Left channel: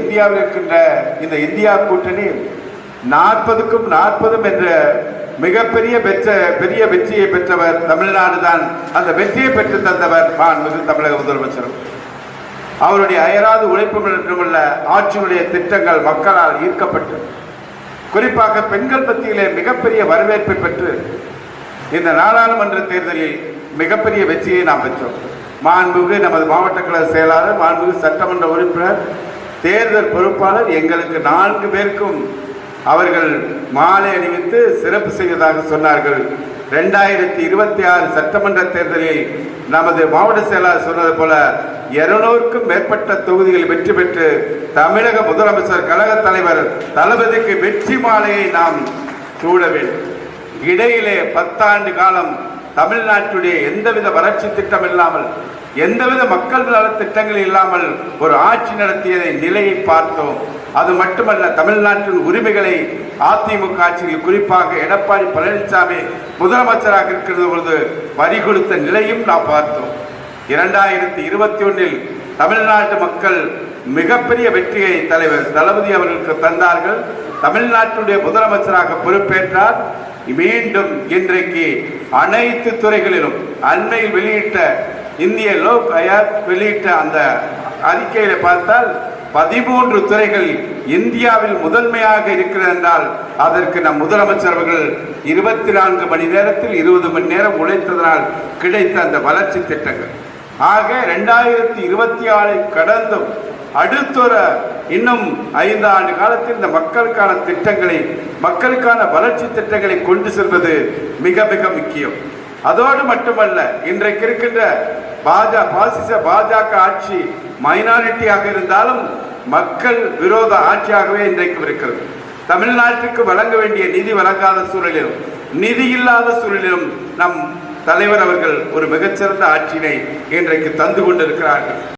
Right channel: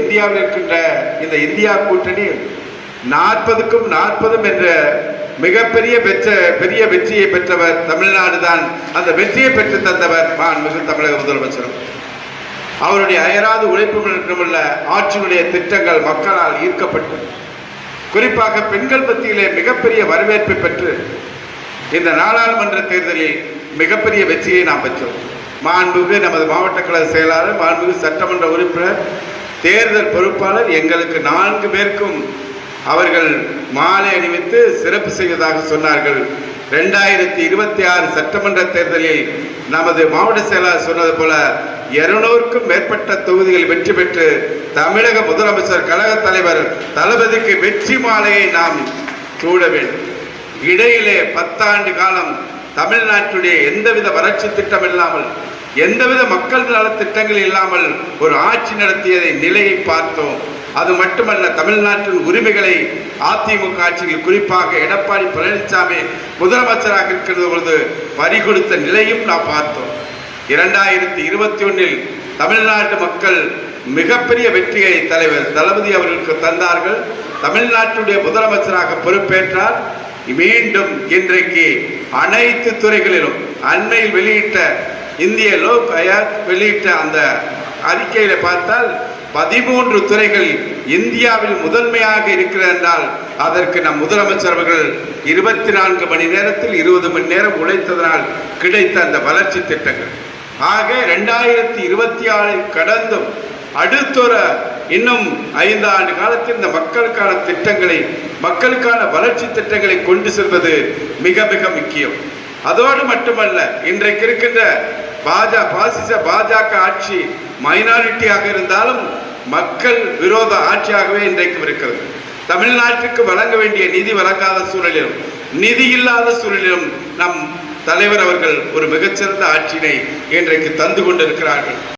இந்தியாவில் இருக்கின்ற இந்த இந்தியா கூட்டணி 40க்கும் 40 என்ற மிகப்பெரிய பெரிய வெற்றியை பெற்றவர் தமிழ்நாடு தான். அந்த வெற்றியை பெற்று தந்தவர் மாண்புமிகு தமிழக முதலமைச்சர். அவருடைய அயராது உழைப்பு மட்டுமல்ல, ஆட்சியினுடைய திட்டங்கள் மக்களால் ஈர்க்கப்பட்டு குறிப்பாக பெண்கள் மத்தியிலே மிகப்பெரிய வரவேற்பை பெற்று இந்த நாடாளுமன்ற தேர்தலில் மிகப்பெரிய வெற்றியை நாம் பெற்றோம். மாண்புமிகு நமது மாவட்ட கழக செயலாளர், மாண்புமிகு சட்டமன்ற உறுப்பினர், தேர்தல் பொறுப்பாளர் எங்களுக்கு 4 பேருக்கும் அவர்கள் மாலை அணிவித்து சிறப்பு செய்வதாக சொன்னார்கள். 2026 சட்டமன்ற தேர்தலில் நமது மாவட்ட செயலாளர் சொன்னது போல 200க்கும் மேற்பட்ட தொகுதிகள் வெற்றி பெற்று தமிழக முதலமைச்சர், கழக தலைவர் தளபதிக்கு வெற்றி மாலையை நாம் சூட வேண்டும். இடையிலே 10 ஆண்டு காலம் தமிழ்நாட்டுடைய எந்தவித வளர்ச்சி திட்டம் இல்லாமல், எந்தவித மக்கள் நல திட்டங்கள் இல்லாமல் ஒரு ஆட்சி நடத்தியதை நிலையை பார்த்தோம். அது மட்டுமல்ல, தமிழ்நாட்டின் உரிமைகளை அதிமுக ஆட்சியில் குறிப்பாக எடப்பாடி பழனிசாமி முதலமைச்சராக இருக்கிறது பொழுது வரி கொடுத்த நிலையும் நாம் பார்த்தோம். 2021 தமிழ்நாட்டு மக்கள் மிகப்பெரிய வெற்றியை தலைவர் தளபதி அவர்களுக்கு தந்தார்கள். தமிழ்நாட்டுடைய முதலமைச்சராக பொறுப்பேற்றார். மீண்டும் இன்றைக்கு அனைத்து துறைகளிலும் அண்மையில் வெளியிட்ட இந்திய லோக் ஆயோக் வெளியிட்ட அந்த அறிக்கையில பார்த்தால் 13 துறைகள் இந்தியாவில் முதன்மையாக இருக்கிறது என்றால் அதற்கு நம் முதலமைச்சர் அவர்கள் 24 மணி நேரத்தில் 20 மணி நேரம் உழைத்ததனால் கிடைத்த அந்த வளர்ச்சி திட்டங்கள். ஆக 2026 கடந்தும் அடுத்தொரு இன்னும் 5 ஆண்டு காலத்தில் இந்த மக்களுக்கான திட்டங்களை, மக்களுக்கான வளர்ச்சி திட்டங்களை கொண்டு செல்வது மிக மிக முக்கியம். அதோடு மட்டுமல்ல, இன்றைக்கு இருக்கின்ற பாஜக ஆட்சி மைனாரிட்டியாக இருந்தாலும் மக்கள் விரோத ஆட்சியாகவே இன்றைக்கு இருக்கிறது. தமிழ்நாட்டுக்கு வழங்க வேண்டிய நிதி வழங்காத சூழலிலும், நிதி இல்லாத சூழலிலும் நம் தலைவர் அவர்கள் ஒரு மிகச்சிறந்த ஆட்சியினை இன்றைக்கு தந்து கொண்டிருக்கிறார்கள்.